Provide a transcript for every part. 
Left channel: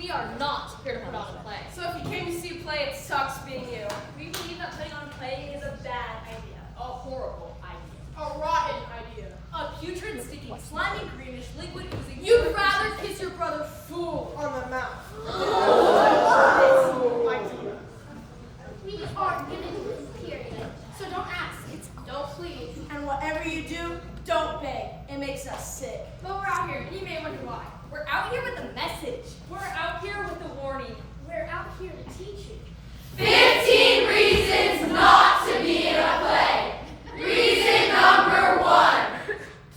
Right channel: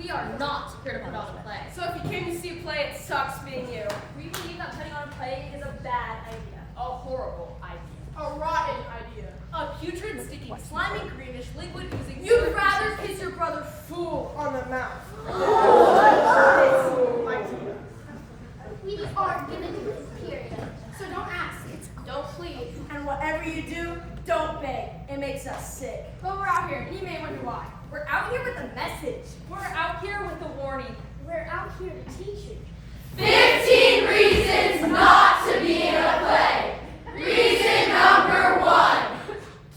We are not here to put on a play. So if you came to see a play, it sucks being you. We believe that putting on a play is a bad idea. A horrible idea. A rotten idea. A putrid, sticky, slimy, greenish, liquid oozing. You'd rather kiss your brother full on the mouth. We are gonna do this, period. So don't ask, don't plead. And whatever you do, don't beg. It makes us sick. But we're out here, and you may wonder why. We're out here with a message. We're out here with a warning. We're out here to teach you. 15 reasons not to be in a play. Reason number 1.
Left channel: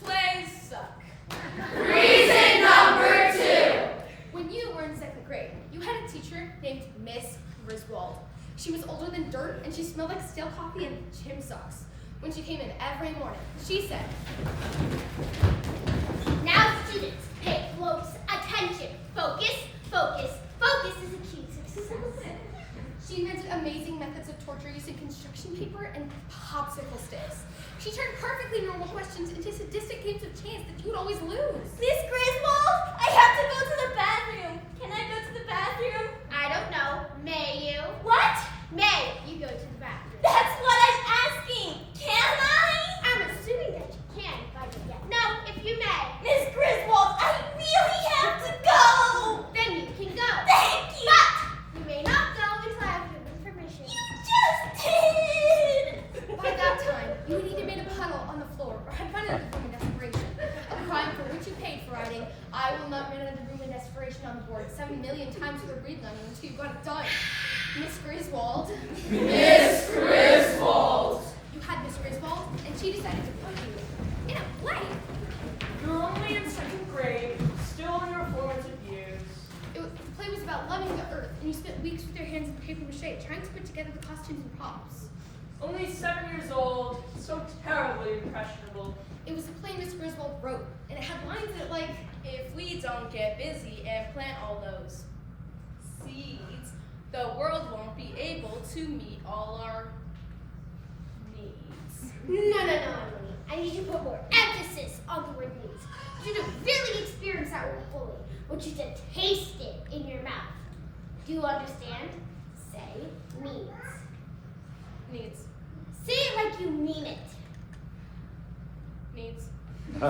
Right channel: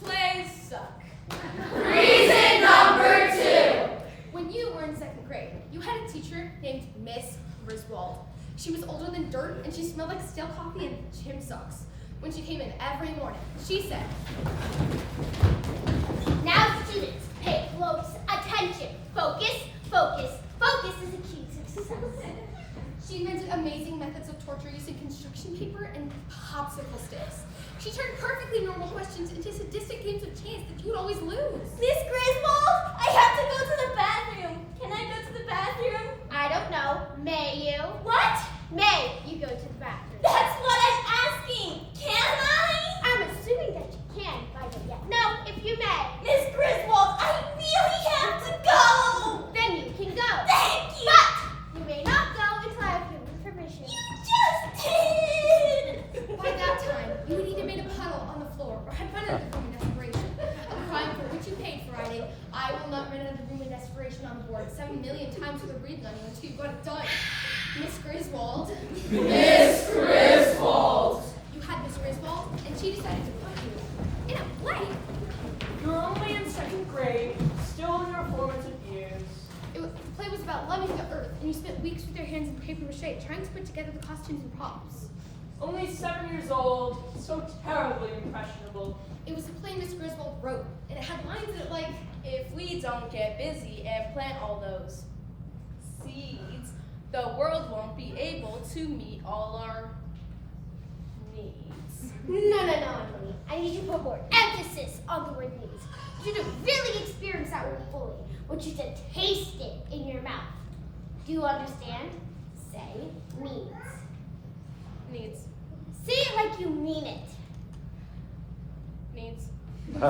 Plays suck. Reason number 2. When you were in 2nd grade, you had a teacher named Miss Griswold. She was older than dirt, and she smelled like stale coffee and gym socks. When she came in every morning, she said, Now students, pay close attention. Focus, focus, focus is the key to success. she invented amazing methods of torture using construction paper and popsicle sticks. She turned perfectly normal questions into sadistic games of chance that you would always lose. Miss Griswold, I have to go to the bathroom. Can I go to the bathroom? I don't know. May you? What? May you go to the bathroom? That's what I'm asking. Can I? I'm assuming that you can if I don't yet. No, if you may. Miss Griswold, I really have to go. Then you can go. Thank you. But you may not go until I have given permission. You just did. By that time, you had either made a puddle on the floor or had run into the room in desperation. A crime for which you paid for writing, I will not run into the room in desperation on the board 7 million times with a breathing on you until you got it done. Miss Griswold. Miss Griswold. You had Miss Griswold, and she decided to put you in a play. You're only in 2nd grade, still in your formative years. The play was about loving the earth, and you spent weeks with your hands in paper mache trying to put together the costumes and props. Only 7 years old, so terribly impressionable. It was a play Miss Griswold wrote, and it had lines in it like, If we don't get busy and plant all those seeds, the world won't be able to meet all our needs. No, Emily. I need you to put more emphasis on the word needs. You need to really experience that word fully. I want you to taste it in your mouth. Do you understand? Say needs. Needs. Say it like you mean it. Needs.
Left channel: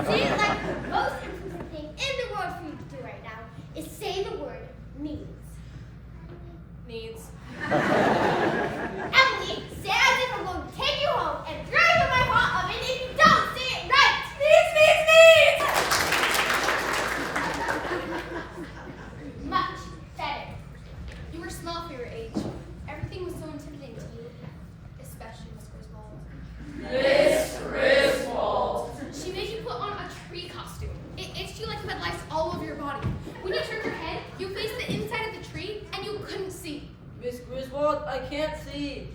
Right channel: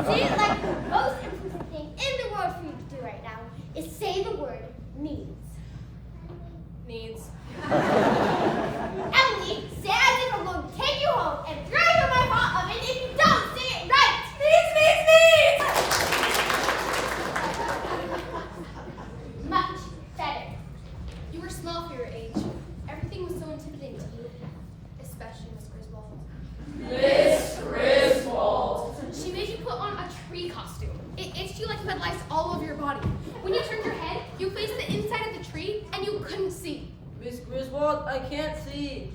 Say it like the most important thing in the world for you to do right now is say the word needs. Needs. Emily, say as if I'm going to take you home and throw you in my hot oven if you don't say it right. Needs! Much better. you were small for your age. Everything was so intimidating to you, especially Miss Griswold. Miss Griswold. She made you put on a tree costume. It itched you like you had lice all over your body. When you turned your head, you faced the inside of the tree, and you couldn't see. Miss Griswold, I can't see.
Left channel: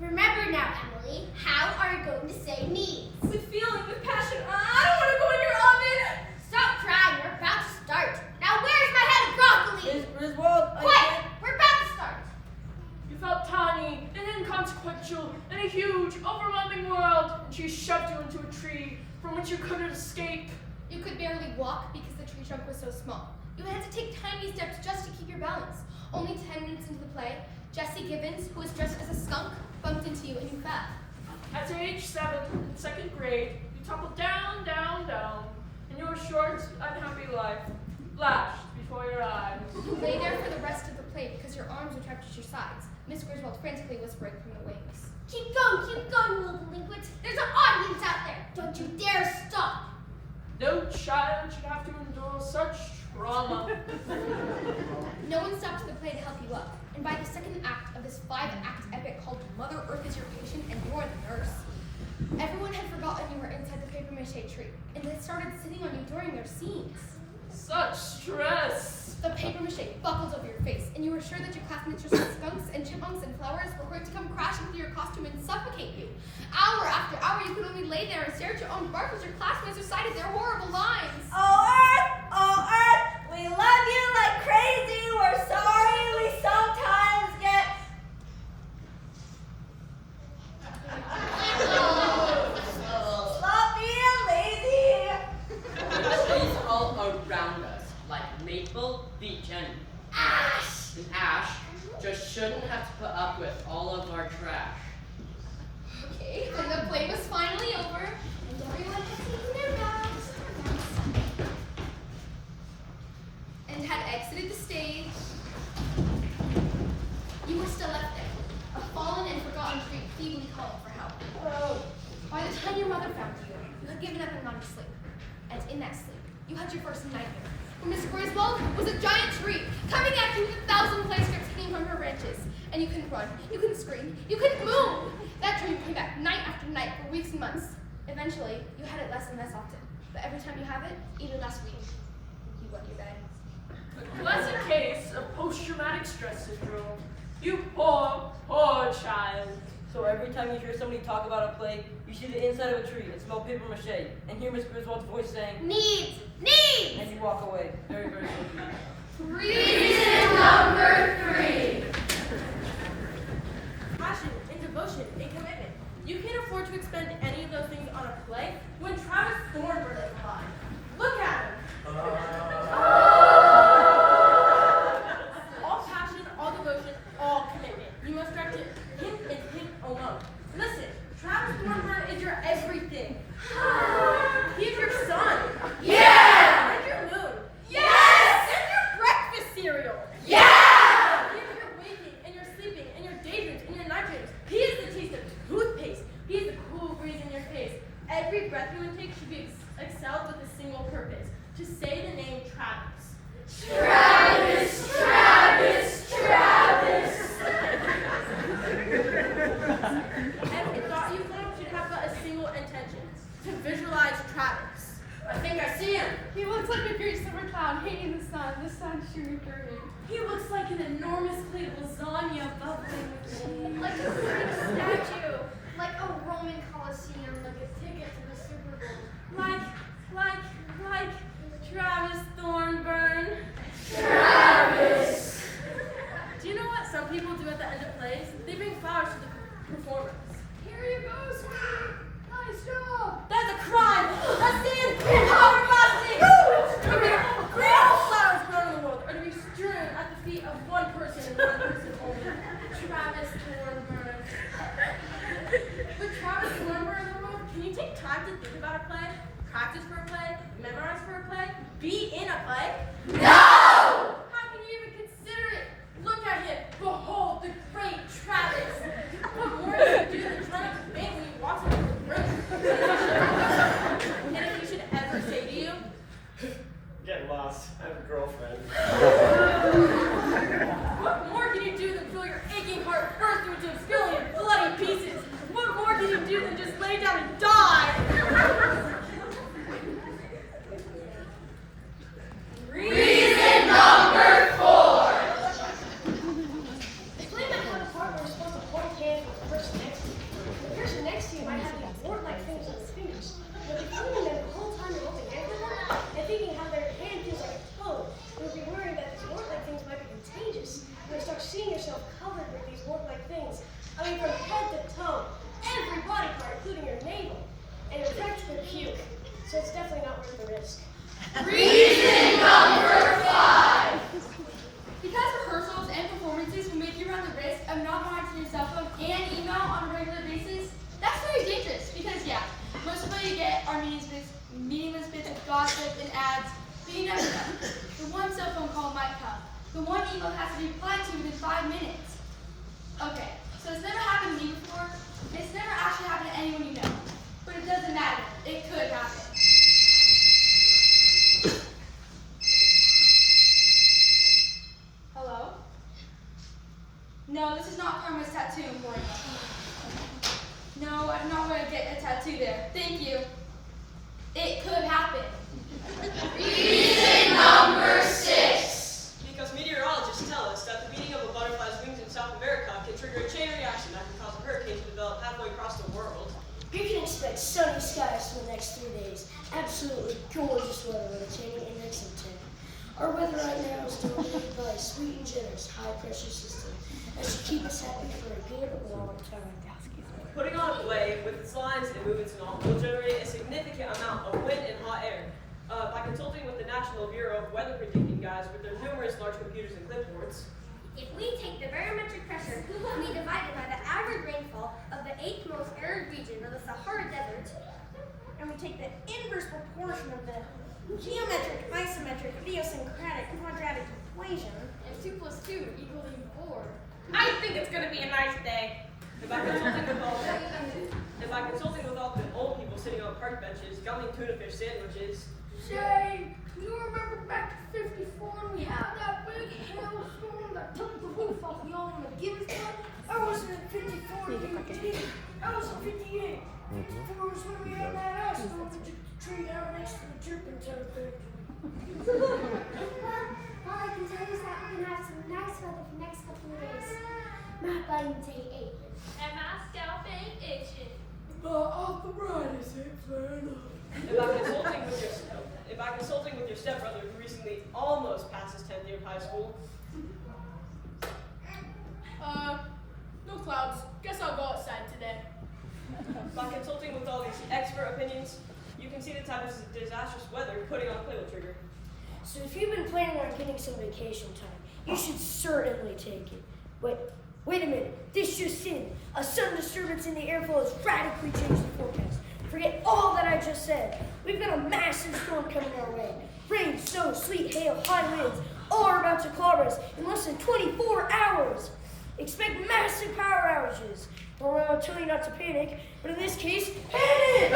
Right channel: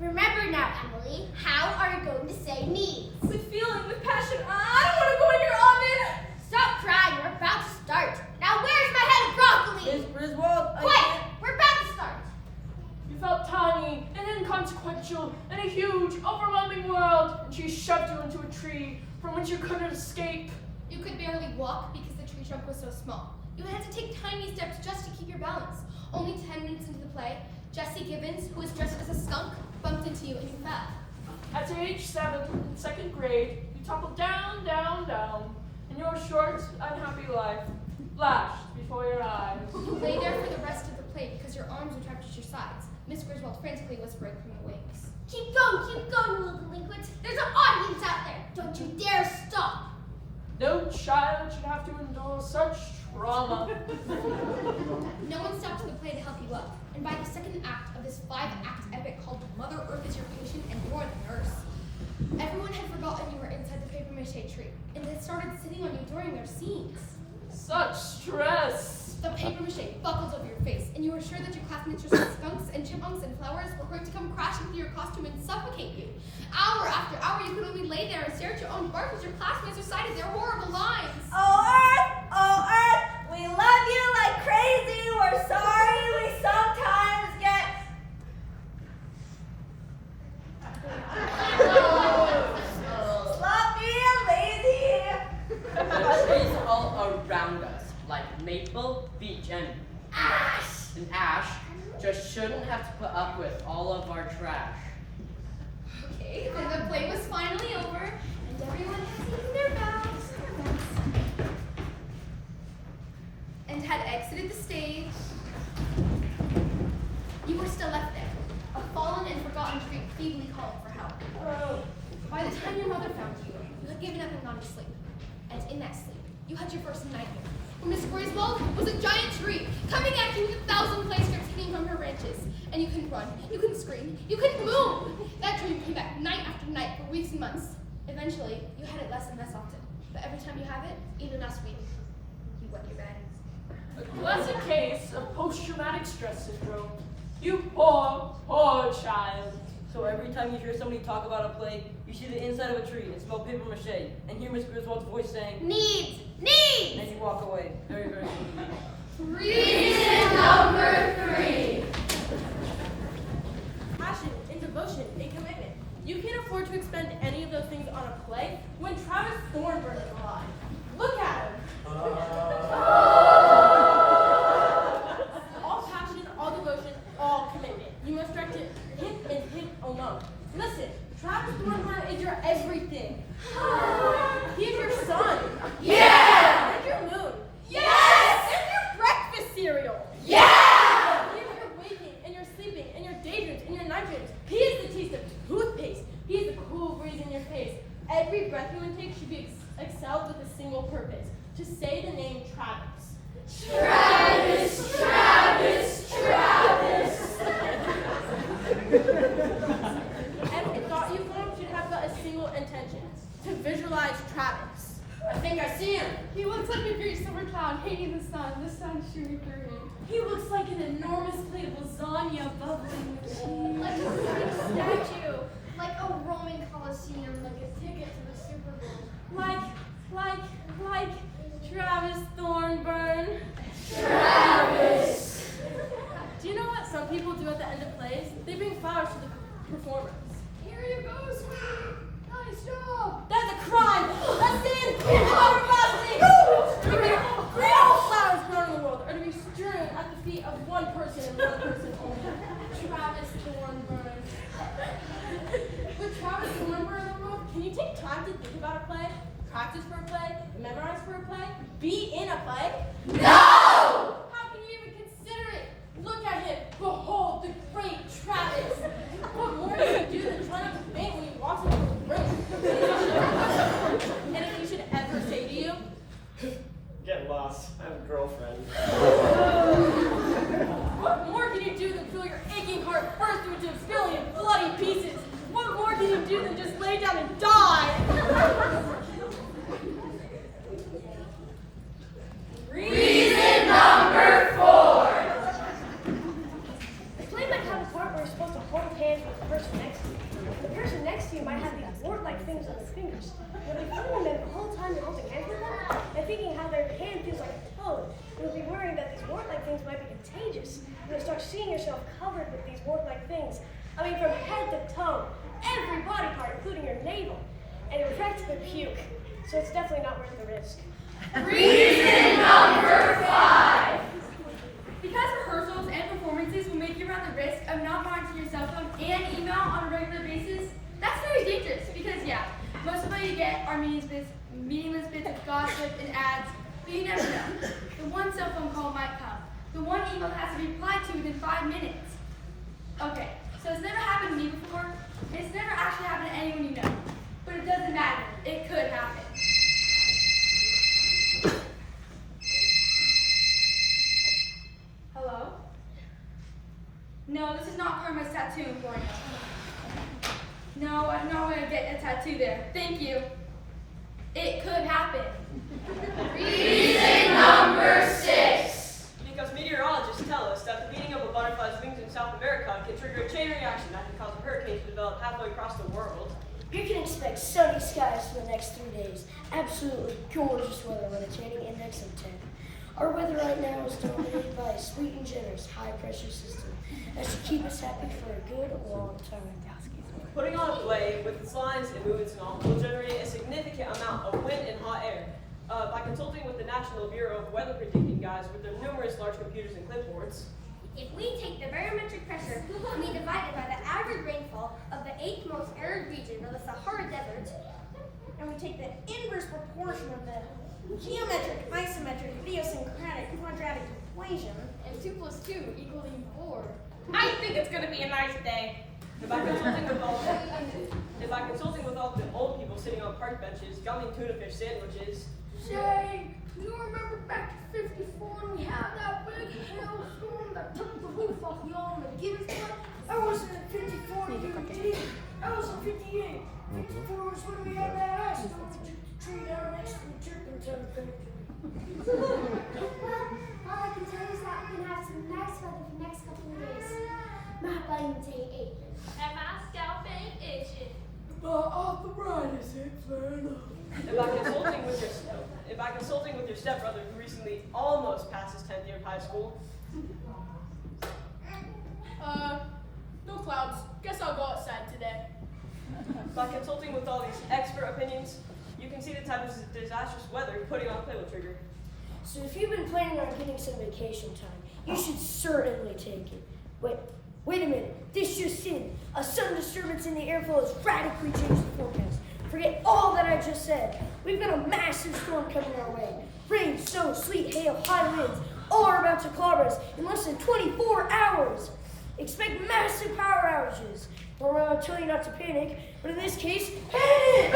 Remember now, Emily, how are you going to say needs? With feeling, with passion. I don't want to go in your oven. Stop crying, we're about to start. Now where's my head of broccoli? Miss Griswold, I Quiet, can't. we're about to start. You felt tiny and inconsequential in a huge, overwhelming world, and she shoved you into a tree from which you couldn't escape. You could barely walk because the tree trunk was so small. You had to take tiny steps just to keep your balance. Only 10 minutes into the play, Jessie Gibbons, who was dressed as a skunk, bumped into you and you fell. At age 7, in 2nd grade, you toppled down, down, down, and your short, unhappy life flashed before your eyes. You lay there for the rest of the play because your arms were trapped at your sides. Miss Griswold frantically whispering from the wings. Keep going, you little delinquent. There's an audience out there. Don't you dare stop. No child should have to endure such trauma. No one stopped the play to help you up. And by the 2nd act of this 5-act epic called Mother Earth is Your Patient and You're the Nurse, everyone had forgotten you were inside the paper mache tree, and they started sitting on you during their scenes. Such stress. The paper mache buckled over your face, and you were sure that your classmates were skunks and chipmunks and flowers were going to come crashing through your costume and suffocate you. Hour after hour, you could only lay there and stare at your own bark as your classmates recited their horrible lines. Oh Earth, we love you like crazy. We're sorry we sometimes get sloppy and lazy. The trees are all around us, like maple, beech, and Ash! And Ash just shouldn't have to put up with all of our trash. Okay, then the play was finally over, and everyone had taken their bags and had exited the stage. You were still left there, a fallen and forgotten tree feebly calling for help. By the time your mother found you, you had given up and gone to sleep. And in that sleep, you had your first nightmare. For Miss Griswold was a giant tree coming at you with 1,000 play strips hanging from her branches. And you couldn't run, you couldn't scream, you couldn't move. That dream came back night after night for weeks and months. Eventually, you had it less and less often. But every time you have it, even last week, you wet your bed. A classic case of post-traumatic stress syndrome. You poor, poor child. So every time you hear somebody talk about a play, you see the inside of a tree and smell paper mache, and hear Miss Griswold's voice saying, Needs! Needs! and you walk away. Very, very quickly. Reason number 3. Passion and devotion and commitment. You can't afford to expend any of those things on a play when Travis Thornburn is alive. Look at him. All passion, all devotion, all commitment. You must direct it him and him alone. Listen, Travis Thornburn is your everything. He is your sun. Yeah! And your moon. Yes! And your breakfast cereal. Yeah! He is your waking and your sleeping and your daydreams and your night dreams. He is the taste of toothpaste. He is the cool breeze in your face. Every breath you intake should be excelled with a single purpose: to say the name Travis. Travis, Travis, Travis. Every thought you form should have but a single intention: to visualize Travis. I think I see him. He looks like a great summer cloud hanging in the sun shooting through him. He looks like an enormous plate of lasagna bubbling with cheese. Like a Greek statue, like a Roman Colosseum, like a ticket to the Super Bowl. Like Travis Thornburn. Travis. Do you know what some people do at the end of plays? They bring flowers to the performers. Here you go, sweetie. Nice job. That's a crime! That's sin! Our busting! All flowers grown in the world are to be strewn at the feet of one person and one person only: Travis Thornburn. With Travis Thornburn in the world, can you take time to think about a play, practice for a play, memorize for a play, be in a play? No! How can you even consider it? Look at him. Behold the great Travis. What more can you do than try not to faint when he walks into a room? And if he should ever say to you, Get lost. I have a girlfriend. what more can you do than feel your aching heart burst into a billion bloody pieces? What more can you do than just lay down and die? Reason number 4. The play might have a part where you're supposed to hold hands with the person next to you. The person next to you might have these wart-like things on their fingers. You'll be feeling them the whole time you're holding hands with them, and thinking how their hand feels like a toe. You'll be worrying that these wart-like things might be contagious. You'll start seeing yourself covered with these wart-like things. I mean, from head to toe, every body part, including your navel. And you're practically puke. So it's definitely not worth the risk. Reason number 5. Because rehearsals and performances will make you run the risk of not monitoring your cell phone and email on a regular basis, that's very dangerous because, yeah, most of what you get are meaningless bits of gossip and ads, but you never know. The one cell phone call might come. The one email has to be replied to within 5 minutes. Okay, so it's never happened to me before, and it's never actually happened to anyone you know. But it doesn't matter. It could happen. Hello? No, this is not Karma's tattoo employee. No, I'm not going to get a tattoo there. Thank you. It could happen. Reason number 6. Because meteorologists tell us that the beating of a butterfly's wings in South America can trigger a chain reaction that can cause a hurricane to develop halfway across the world. You can expect sunny skies for the next 3 days. Absolutely gorgeous weather with a chaining index of 10. Our weather right now is dominated by a sweet and generous high-pressure system that should keep us happy for a good long time. Putting on a play with its lines and movements and all will generate a significant amount of wind and hot air. By consulting with the National Bureau of Weather Predicting guys with their numerous large computers and clipboards. If we take the barometric pressure and we divide it by the average rainfall of the 8th most arid region of the Sahara Desert, And we take the inverse proportion of the geometric, isometric, idiosyncratic, quadratic equation. And 2 plus 2 equaling 4. I think it's gonna be a nice day. And by consulting with all the old people sitting on park benches, gumming tuna fish sandwiches. Say, you remember back in '54 when we had that big hailstorm that took the roof off the all in the Gibbs Club? I wasn't in '54, UG. I was in '58. '54 was when we had that ice storm that took the tree down next to the turpentine factory. all I can tell you is that we're going to have some nice weather for the next couple of days. My buttons ain't aching. And my scalp ain't itching. Arthritis ain't fair enough. And by consulting with your stepbrother who recently almost passed his 10th year of high school. No clouds. Guess I'll go outside today. By consulting with all these expert opinions, you can see the type of disastrous weather putting on Playboy Trigger. So if you've been planning on getting some vacation time, you should certainly take it. Wait a minute. This just in. A sudden disturbance in the airflow has radically changed the forecast. Forget all that I just said. We've got a massive storm coming our way. Rain, snow, sleet, hail, high winds, all are about to clobber us in less than 24 hours. Expect massive power outages. Normally I'll tell you not to panic, but in this case, panic!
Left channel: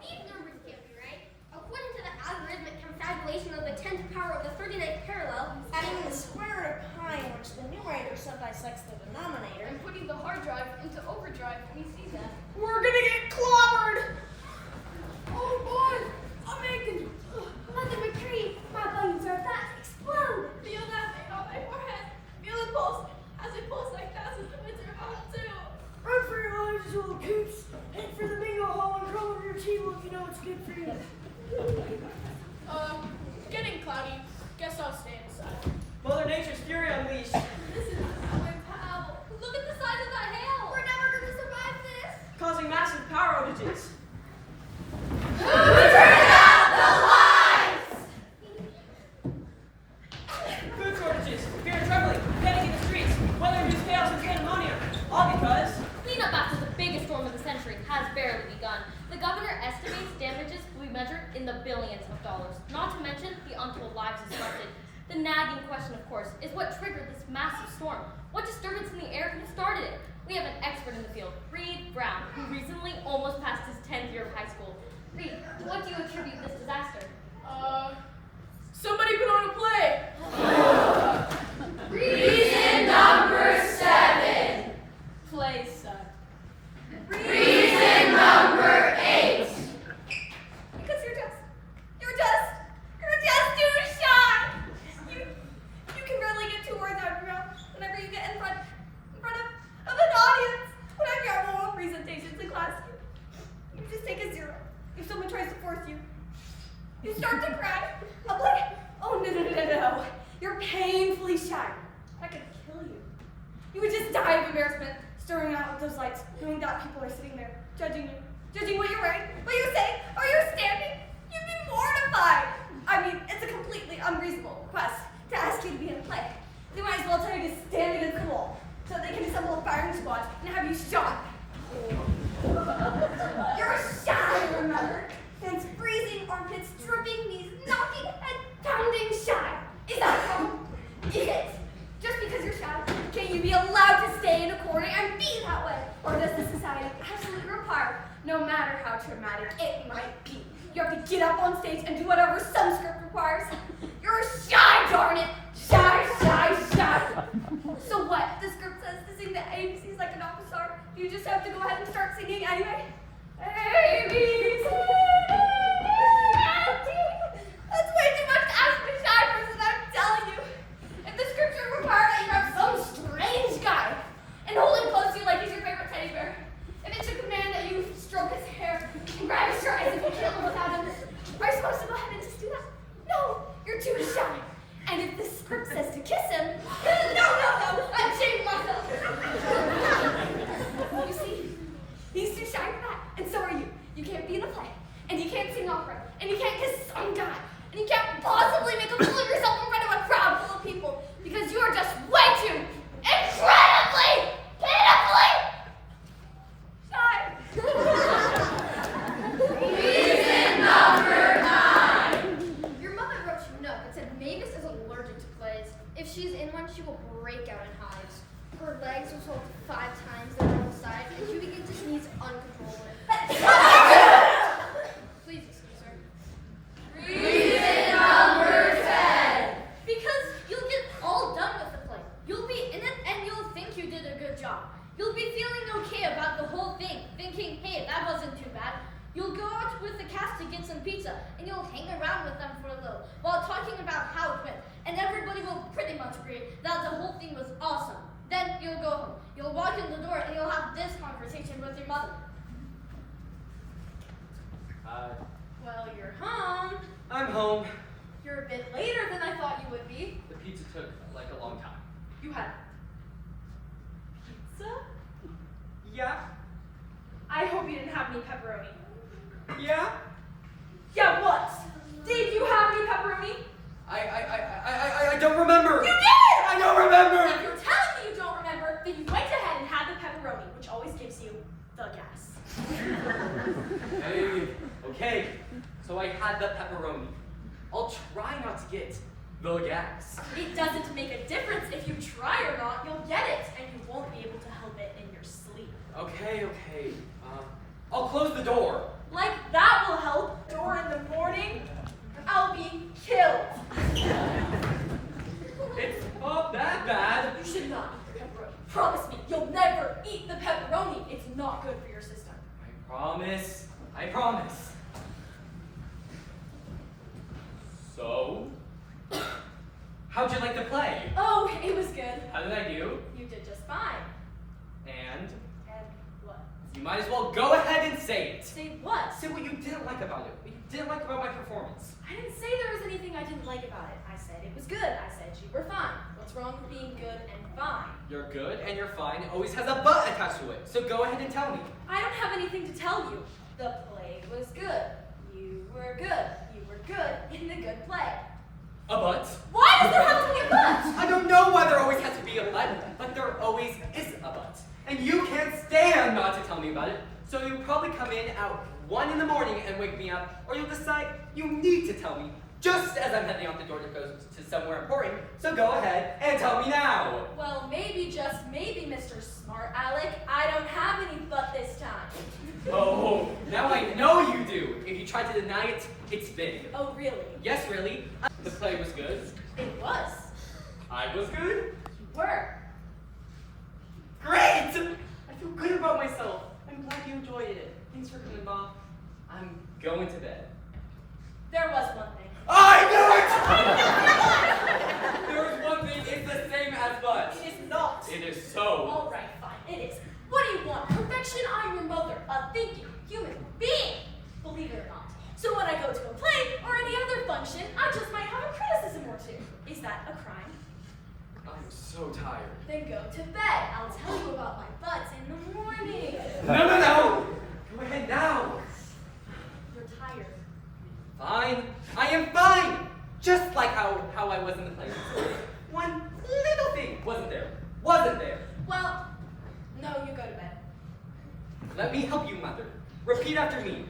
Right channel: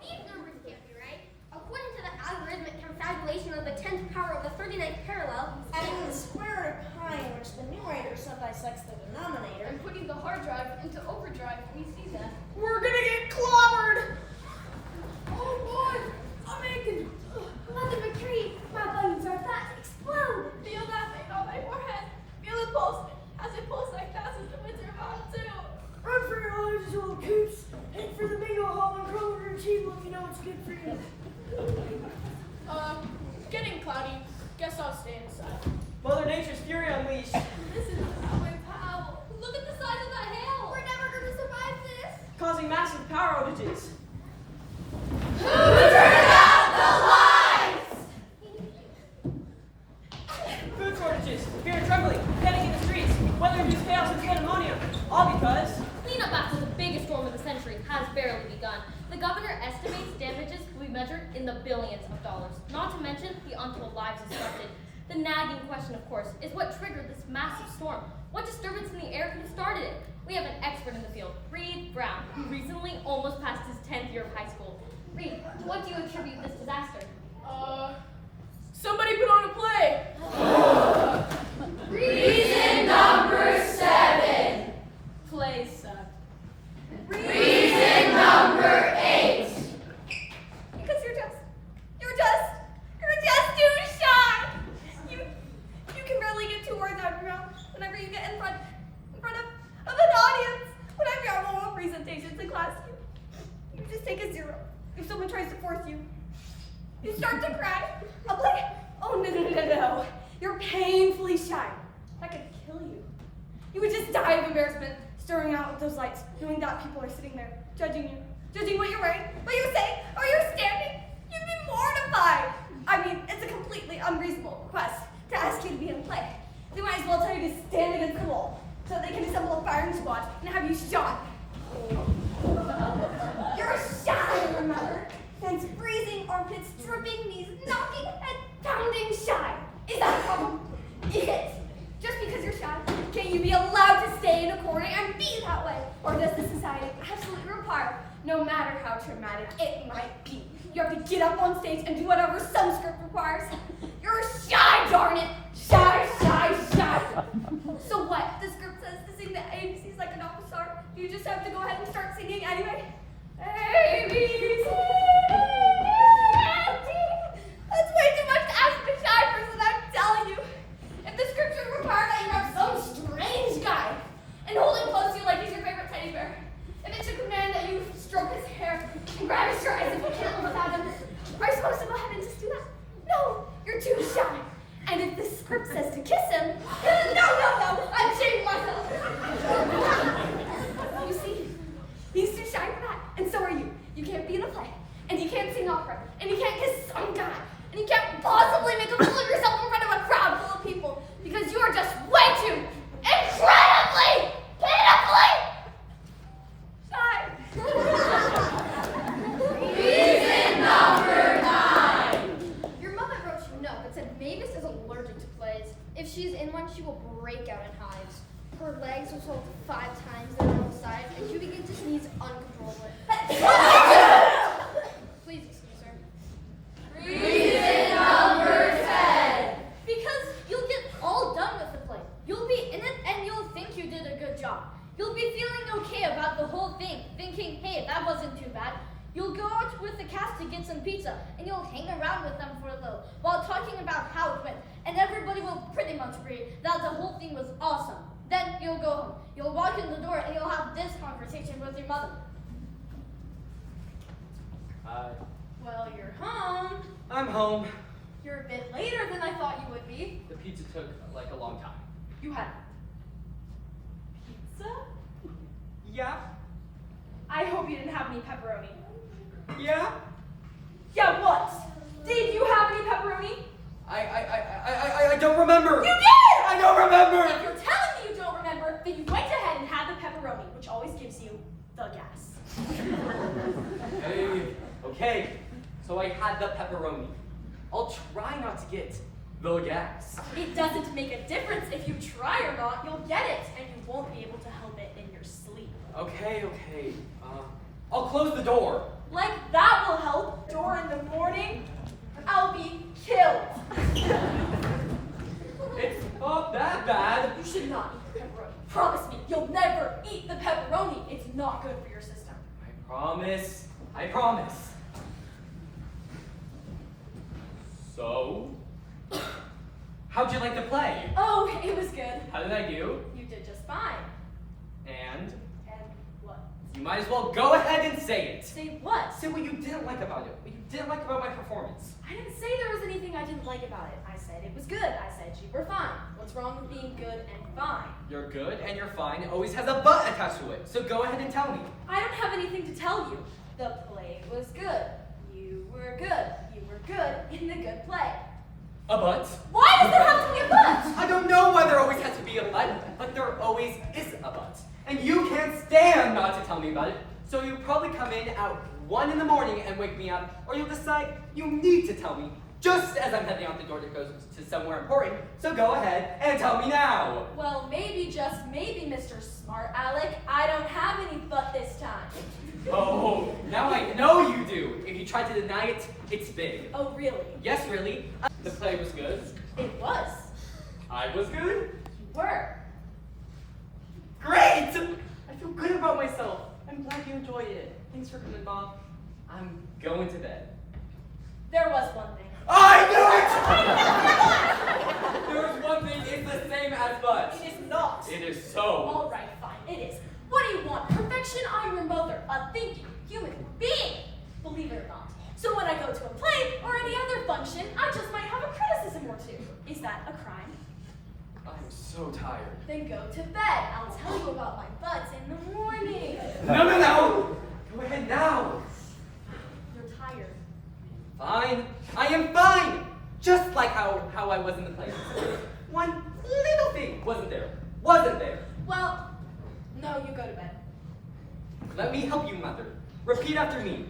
These numbers can't be right. According to the algorithmic confabulation of the 10th power of the 39th parallel, Adding the square root of pi, in which the numerator subdissects the denominator. And putting the hard drive into overdrive, we see that. We're gonna get clobbered. Oh boy, I'm aching. Mother McCree, my buttons are about to explode. Feel that thing on my forehead. Feel it pulse. As it pulses like that, as the winds are about to. Run for your lives, you little coots. Head for the bingo hall and crawl over your table if you know it's good for you. Getting cloudy. Guess I'll stay inside. Mother Nature's fury unleashed. This is not my pal. Look at the size of that hail. We're never going to survive this. Causing massive power outages. Who turned out the lights? Food shortages, fear and trembling, panic in the streets, weather-induced chaos and pandemonium. All because Cleanup after the biggest storm of the century has barely begun. The governor estimates damages will be measured in the billions of dollars, not to mention the untold lives disrupted. The nagging question, of course, is what triggered this massive storm? What disturbance in the air could have started it? We have an expert in the field, Reed Brown, who recently almost passed his 10th year of high school. Reed, to what do you attribute this disaster? Somebody put on a play. Reason number 7. Plays suck. Reason number 8. Because you're just too shy. You can barely get 2 words out of your mouth whenever you get in front of an audience. Whenever you have oral presentations in class, you just take a 0. If someone tries to force you, you start to cry. I'm like, oh no. You're painfully shy. That could kill you. You would just die of embarrassment staring out at those lights, knowing that people are sitting there judging you, judging what you're wearing, what you say, or you're standing. You'd be mortified. I mean, it's a completely unreasonable request to ask you to be in a play. They might as well tell you to stand against the wall so they can assemble a firing squad and have you shot. You're shy, remember? Hands freezing, armpits dripping, knees knocking, head pounding shy. Is that a problem? It is. Just because you're shy, can't you be allowed to stay in a corner and be that way? Or does the society absolutely require, no matter how traumatic it might be, you have to get up on stage and do whatever some script requires? You're shy, darn it! Shy. So what? The script says to sing the ABCs like an opera star. You just have to go ahead and start singing anyway. ABC. That's way too much to ask a shy person, I'm telling you. If the scripture required that you have some strange guy and hold him close to you like he's your favorite teddy bear, if it took a man that you stroke his hair and grab his shirt as if you can't live without him, are you supposed to go ahead and just do that? No, you're too shy. And if the script says to kiss him, no, I'm shaming myself. You see, he's too shy for that, and so are you. You can't be in a play can't sing opera, and you can't kiss some guy, and you can't possibly make a fool of yourself in front of a crowd full of people because you are just way too incredibly, pitifully shy. Reason number 9. Your mother wrote you a note that said Mavis is allergic to plays. If she's in one, she will break out in hives. Her legs will swell 5 times their normal size, and she begins to sneeze uncontrollably. Please excuse her. Reason number 10. Because you'll get all done with the play. You'll be in it and you'll think you did a good job. You'll be feeling okay about the whole thing, thinking, hey, that wasn't too bad. You'll go out with the cast to get some pizza, and you'll hang around with them for a little, while talking about how it went. And everybody will pretty much agree that the whole thing was awesome. Then you'll go home. You'll walk in the door, and you'll have this conversation with your mother. Hi. Well, you're home. I'm home. You're a bit later than I thought you would be. The pizza took like a long time. You had pizza? Yeah? I hope you didn't have any pepperoni. Yeah? Yeah, what? Did you have any pepperoni? I don't remember. You did! I don't remember. If you're telling me you don't remember, then you went ahead and had the pepperoni, which always gives you the gas. Hey, okay. So I had the pepperoni. I'll try not to get the gas. It doesn't make a difference if you try or not, you'll get it, and you won't be able to help it in your sleep. Okay. I'll close the door. Like that will help. Door in the morning, I'll be killed. It's not that bad. You should not eat the pepperoni. Promise me, you'll never eat the pepperoni. It's not good for your system. I promise. So, how'd you like to play? Oh, it was good. How did I do? You did just fine. And And what? you might as well go ahead and say it. Say what? Say what you didn't like about it. What you didn't like about my performance. I didn't say there was anything I didn't like about it. I said it was good. I said you were fine. What's wrong with being good and fine? You're good and you're fine. It always has a but attached to it. So go ahead and tell me. I don't have anything to tell you. The play was good. You were good. You were good in the good play. A but? Why does there have to be a but? I don't know why there always has to be a but there always is a but. And you can't stand not to tell me about it. So you'll probably come in at 1 in the morning and wake me up, or you'll decide you need to tell me just as I'm heading out the door to go to somewhere important. So go ahead and tell me now. Well, maybe, just maybe, Mr. Smart Alec, I don't have any but this time. Oh, now I know you do. If you try to deny it, it's big. Oh, really? Yes, really. The play was good. It was. I was good. You were. Great! I feel good about myself. I'm glad you enjoyed it. Thanks for coming, Mom. I'm going to bed. There was one thing. I knew it! There was one thing. It's the same as but. It is not. It is so. All right, fine. It is. What do you want? Perfection? I'm your mother, a thinking human being. Believe it or not. So when I go to a play or any other function, I just might have a criticism or two. Is that a crime? I'm so tired. Then go to bed. I'll tell you about my butts in the morning. No! Go ahead now. You're tired. Fine. I am fine. Just like how I was in the play. One little thing wasn't there. Well, no, you go to bed. Let me help you, Mother. Repeat after me.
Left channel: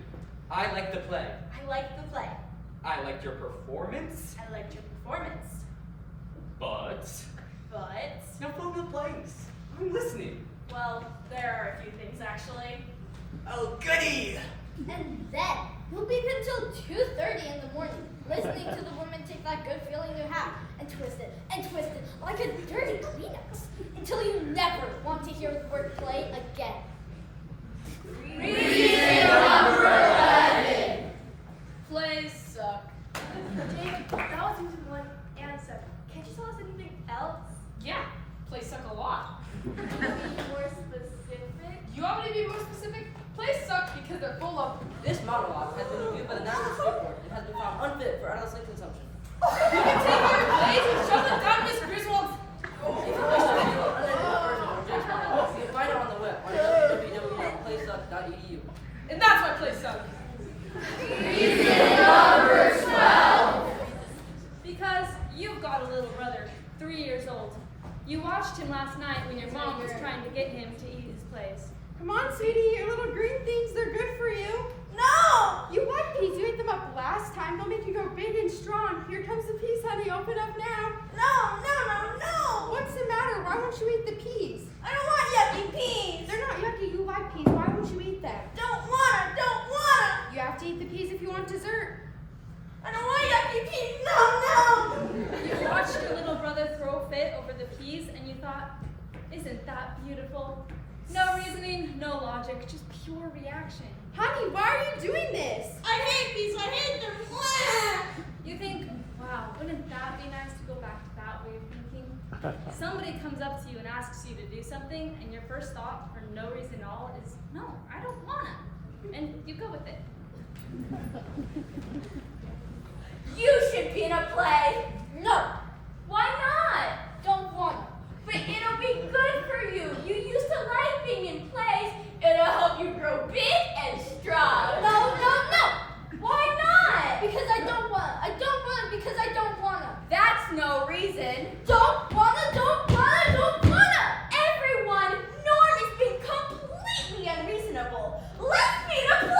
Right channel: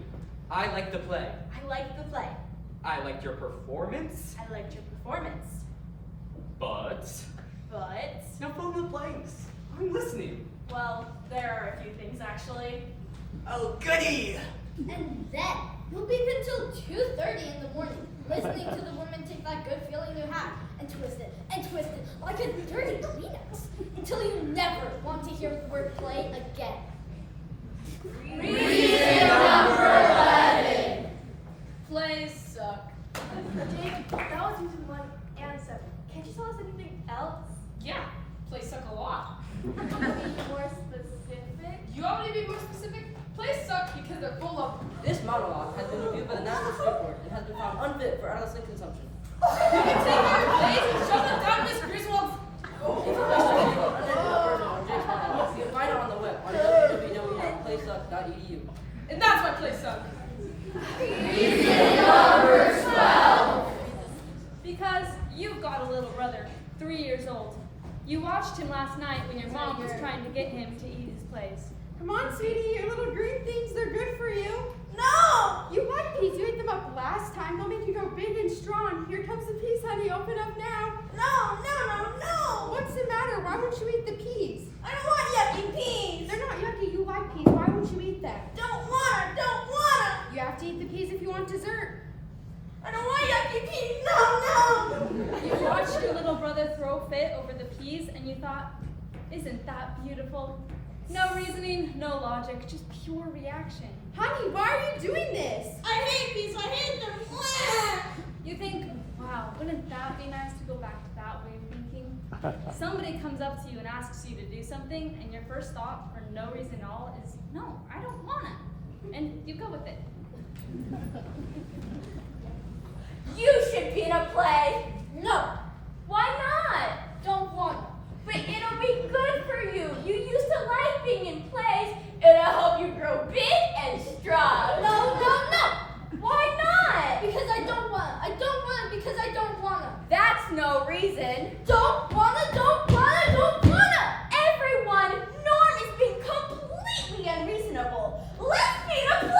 I liked the play. I liked the play. I liked your performance. I liked your performance. But now fill in the blanks. I'm listening. Well, there are a few things actually. Oh, goody! And then you'll be until 2:30 in the morning, listening to the woman take that good feeling you have and twist it like a dirty Kleenex until you never want to hear the word play again. Reason number 11. Plays suck. David, that was reason 1 and 7. Can't you tell us anything else? Yeah, plays suck a lot. Can you be more specific? You want me to be more specific? Plays suck because they're full of. This monologue has been reviewed by the National State Board and has been found unfit for adolescent consumption. You can take your plays and shove them down Miss Griswold's. If you wish to view an unedited version of Jake's monologue, you can find it on the web on watched him last night when your mom was trying to get him to eat his plays. Come on, sweetie, your little green things, they're good for you. No! You like peas, you ate them up last time. They'll make you go big and strong. Here comes the peas, honey, open up now. No! What's the matter? Why won't you eat the peas? I don't want yucky peas. They're not yucky, you like peas, why won't you eat them? Don't wanna. You have to eat the peas if you want dessert. I don't want yucky peas. No. You watched your little brother throw a fit over the peas and you thought, isn't that beautiful? No reasoning, no logic, just pure reaction. Honey, why are you doing this? I hate peas. I hate them. You think, wow, wouldn't that be nice to go back to that way of thinking? Somebody comes up to you and asks you to do something, and your first thought, for no reason at all, is, no, I don't wanna. And you go with it. You should be in a play. No. Why not? Don't want to. But it'll be good for you. You used to like being in plays. It'll help you grow big and strong. No. Why not? Because I don't want to. I don't want to because I don't want to. That's no reason. Don't want to. Everyone, Norm is being completely unreasonable. Let's be in a play.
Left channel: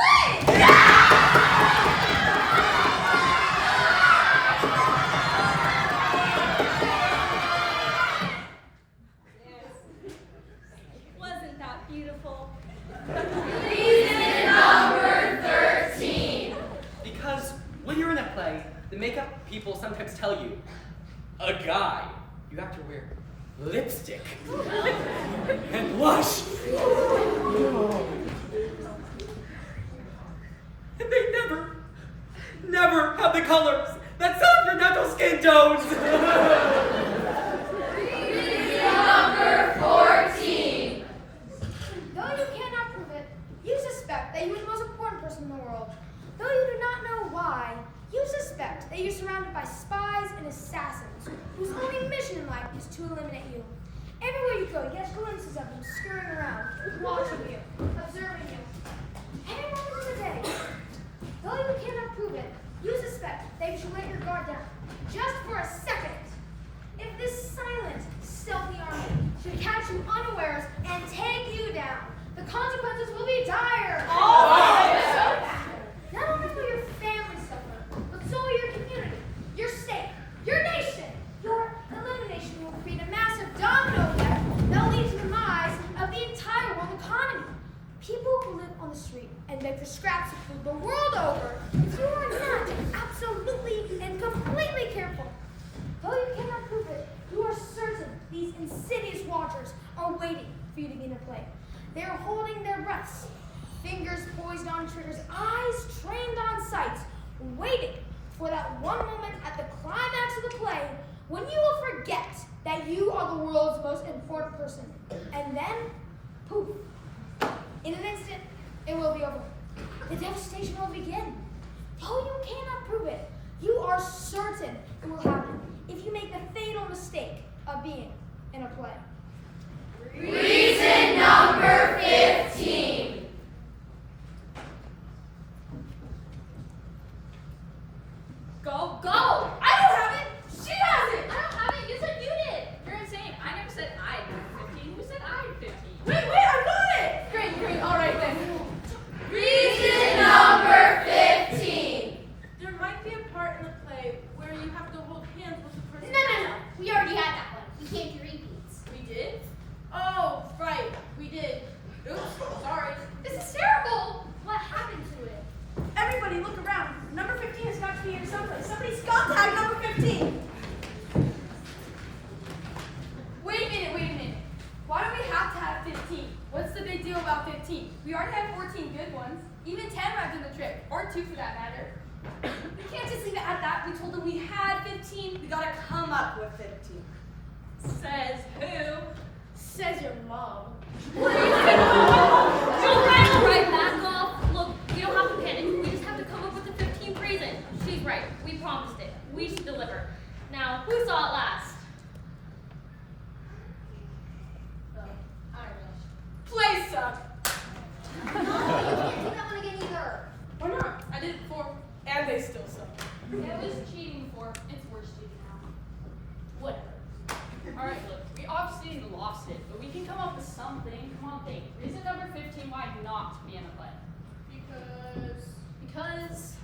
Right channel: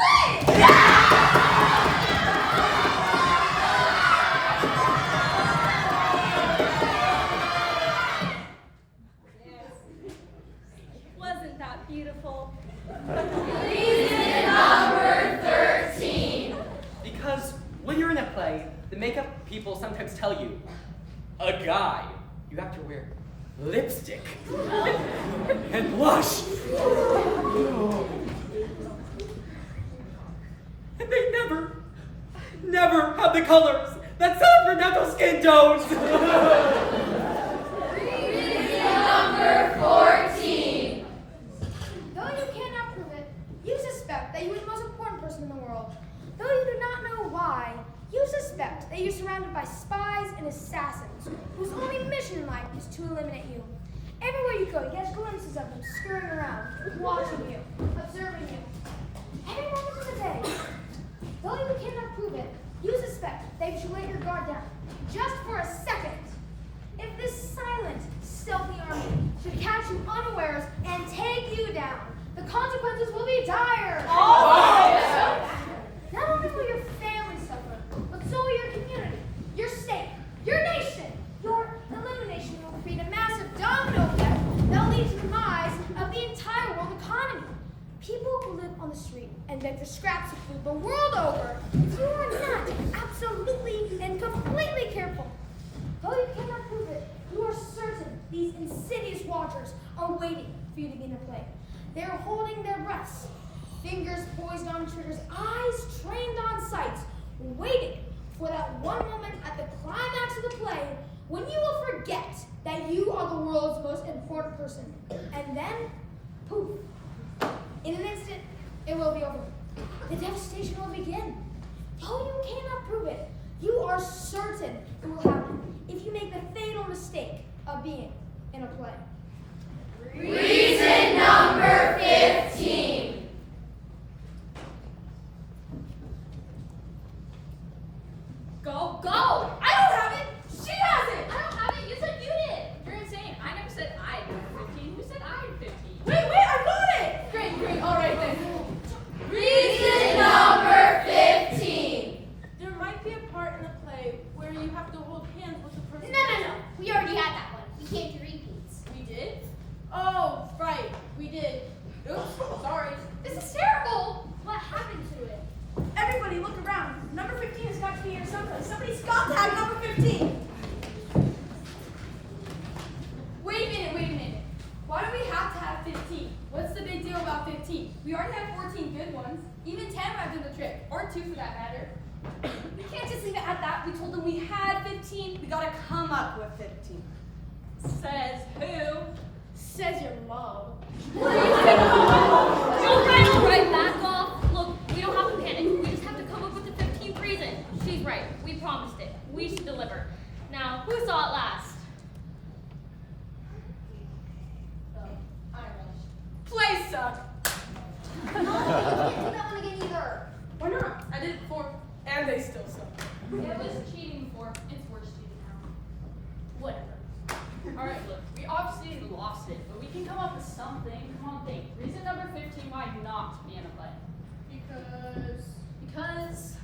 Wasn't that beautiful? Reason number 13. Because when you're in a play, the makeup people sometimes tell you, a guy, you have to wear lipstick and blush. And they never have the colors that set your natural skin tones. Reason number 14. Though you cannot prove it, you suspect that you are the most important person in the world. Though you do not know why, you suspect that you're surrounded by spies and assassins whose only mission in life is to eliminate you. Everywhere you go, you get glimpses of them scurrying around, watching you, observing you. Every moment of the day. Though you cannot prove it, you suspect that you should let your guard down, just for a second. If this silent, stealthy army should catch you unawares and take you down, the consequences will be dire. Not only will your family suffer, but so will your community, your state, your nation. Your elimination will create a massive domino effect that will lead to the demise of the entire world economy. People who live on the street and beg for scraps of food the world over, if you are not absolutely and completely careful, though you cannot prove it, you are certain these insidious watchers are waiting for you to begin to play. They are holding their breaths, fingers poised on triggers, eyes trained on sights, waiting for that one moment at the climax of the play when you will forget that you are the world's most important person. And then, poof, in an instant, it will be over. The devastation will begin. Though you cannot prove it, you are certain it will happen if you make the fatal mistake of being in a play. Reason number 15. Go. I don't have it. She has it. I don't have it. You said you did. You're insane. I never said I had 15. Who said I had 15? Wait, I got it. Great. All right then. Reason number 15. There might be a part in the play where you have to hold hands with the person. No. We already had that one. We came to repeats. We did? Oh, right. We did. Oops. Sorry. This is terrible. What happened to it? Everybody, look around. Number 15 has got to be here someplace. Somebody's got to have number 15. Wait a minute. Why do we have to have 15? What's the big deal about 15? We already had 14 good ones. Even 10 would have done the trick. Or 2 for that matter. We can't just leave it at that. We told them we had 15. We gotta come up with 15. Says who? Says your mom. All right, back off. Look, we don't have to panic. We just have to come up with the 15th reason. She's right. We promised it. We should deliver. Now, who saw it last? Play suck. I can't do that one again either. Why not? I did it before. And they still suck. It was cheating before. It's worse cheating now. Whatever. Alright, look, we obviously lost it, but we can come up with something. Come on, think. Reason number 15 why not be in a play. Because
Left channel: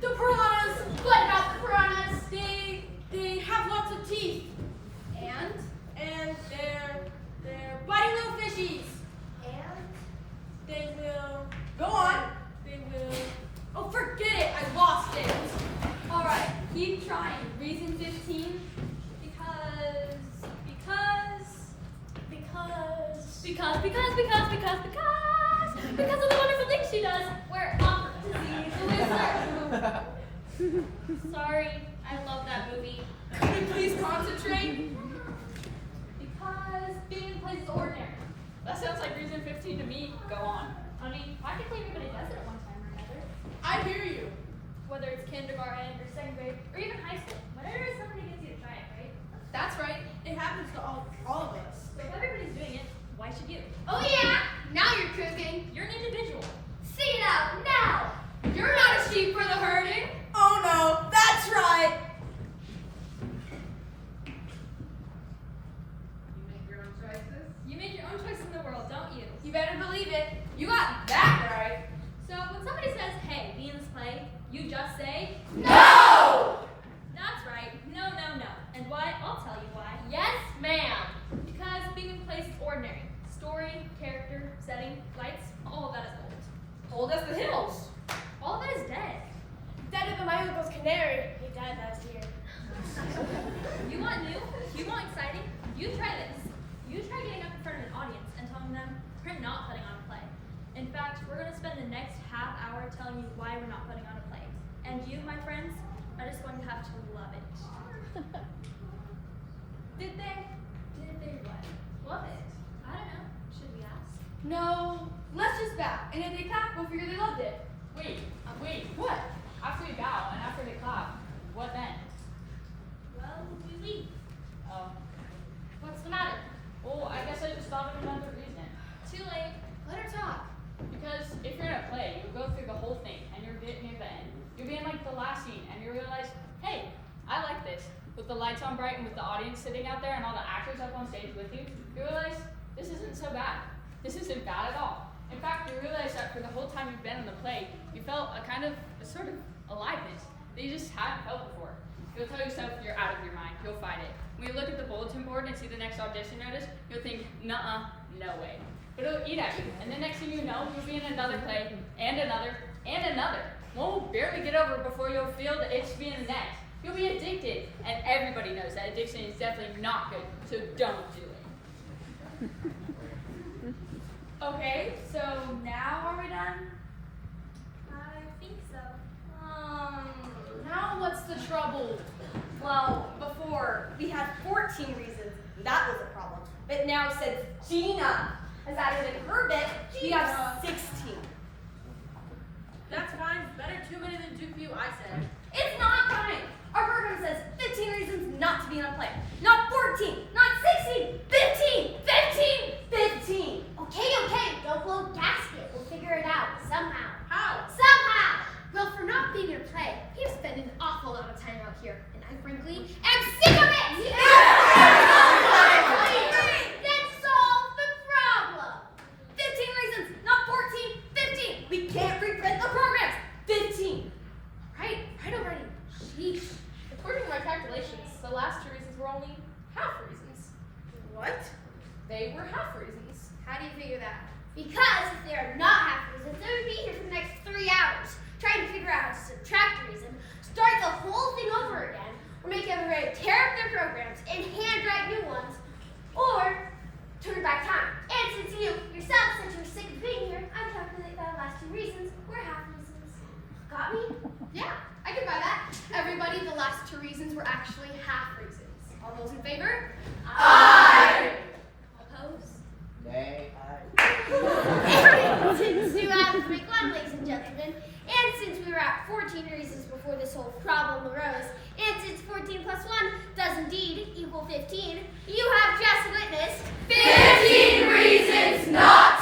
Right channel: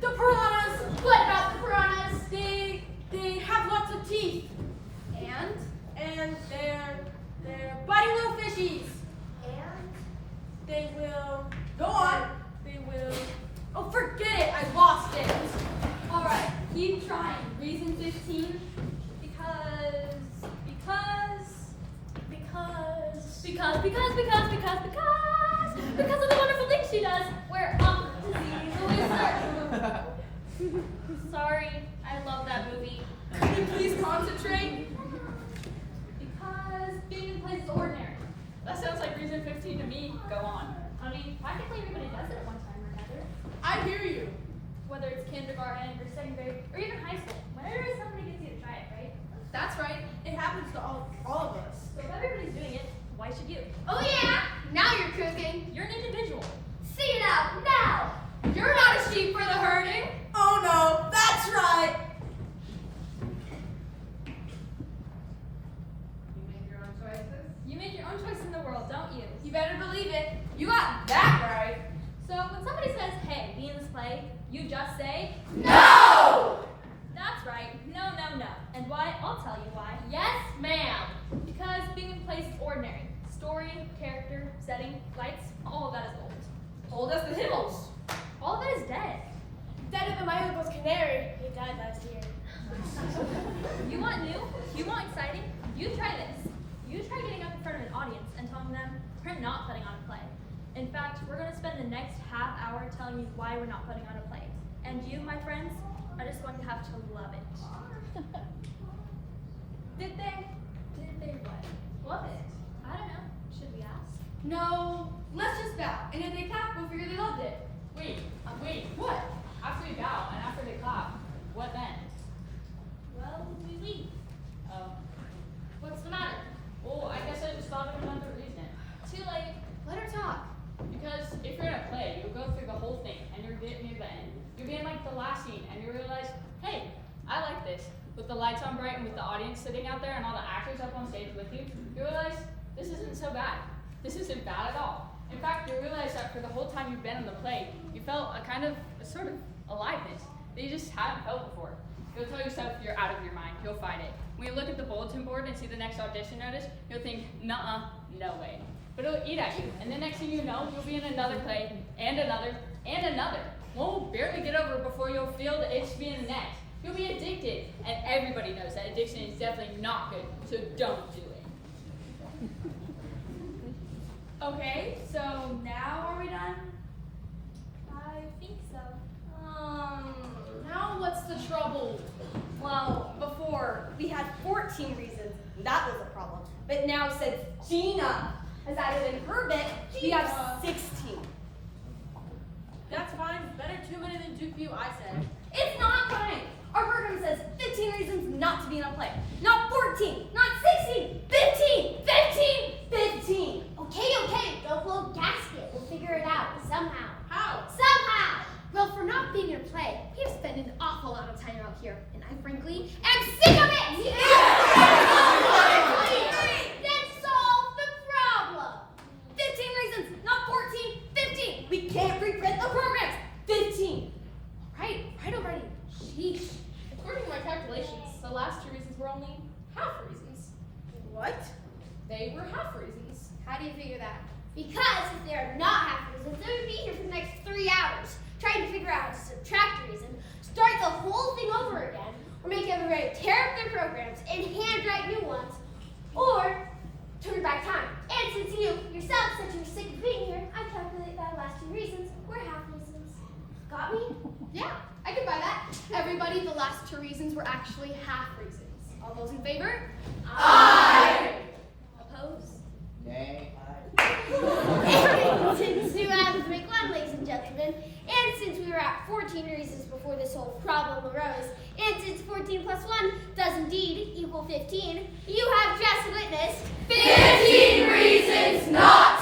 the piranhas. What about the piranhas? They have lots of teeth. And they're biting little fishies. And They will go on. They will. Oh, forget it. I lost it. All right, keep trying. Reason 15. Because of the wonderful things she does. We're off to see the wizard. Sorry, I love that movie. Could you please concentrate? Because being in place is ordinary. That sounds like reason 15 to me. Go on. I mean, practically everybody does it at one time or another. I hear you. Whether it's kindergarten or second grade or even high school. Whenever somebody gets you to try it, right? That's right. It happens to all of us. So if everybody's doing it, why should you? oh yeah, now you're cooking. You're an individual. See it out now. You're not a sheep for the herding. Oh no, that's right. You make your own choice in the world, don't you? You better believe it. You got that right. So when somebody says, hey, be in this play, you just say, No! that's right. No, no, no. And why? I'll tell you why. Yes, ma'am. Because being in place is ordinary. Story, character, setting, lights, all of that is old. Old as the hills. All of it is dead. Dead of my uncle's canary. He died last year. You want new? You want exciting? You try this. You try getting up in front of an audience and telling them we're not putting on a play. In fact, we're going to spend the next half hour telling you why we're not putting on a play. And you, my friends, are just going to have to love it. Did they? Did they what? Love it? I don't know. Should we ask? No. Let's just bow. And if they clap, we'll figure they loved it. Wait. What? After we bow and after they clap, what then? Well, we leave. Oh. What's the matter? Well, I guess I just thought of another reason. Too late. Let her talk. Because if you're in a play, you'll go through the whole thing and you'll get near the end. You'll be in like the last scene and you realize, hey, I like this. With the lights on bright and with the audience sitting out there and all the actors up on stage with you, you realize this isn't so bad. This isn't bad at all. In fact, you realize that for the whole time you've been in the play, you felt a sort of aliveness that you just hadn't felt before. You'll tell yourself you're out of your mind. You'll fight it. When you look at the bulletin board and see the next audition notice, you'll think, nuh-uh, no way. But it'll eat at you, and the next thing you know, you'll be in another play, and another, and another. One will barely get over before you'll feel the itch to be in the next. You'll be addicted, and everybody knows that addiction is definitely not good, so don't do it. Okay, so now are we done? I think so. Now what's the trouble? Well, before we had 14 reasons, and that was a problem. But now since Gina has added in her bit, we have 16. That's fine. Better too many than too few, I said. It's not fine. Our program says 15 reasons not to be in a play. Not 14, not 16, 15, 15, 15. Okay, don't blow gasket. We'll figure it out somehow. How? Somehow! Well, for not being in a play, we have spent an awful lot of time out here, and I frankly am sick of it! Then solve the problem! 15 reasons, not 14, 15. We can't reprint the programs. 15. Right already. Sheesh. According to my calculations, the last two reasons were only half reasons. What? They were half reasons. How do you figure that? Because if they are not half reasons, they would be here for the next 3 hours, trying to figure out how to subtract a reason, start the whole thing over again, or make everybody tear up their programs and handwrite new ones, or turn back time. And since you yourself said you were sick of being here, I calculate that the last 2 reasons were half reasons. Got me? Yeah, I can buy that. Everybody, the last 2 reasons were actually half reasons. All those in favor? Aye. Opposed? Nay. Since you have to make one, ladies and gentlemen, and since we were at 14 reasons before this whole problem arose, and since 14 plus 1 does indeed equal 15, you have just witnessed 15 reasons not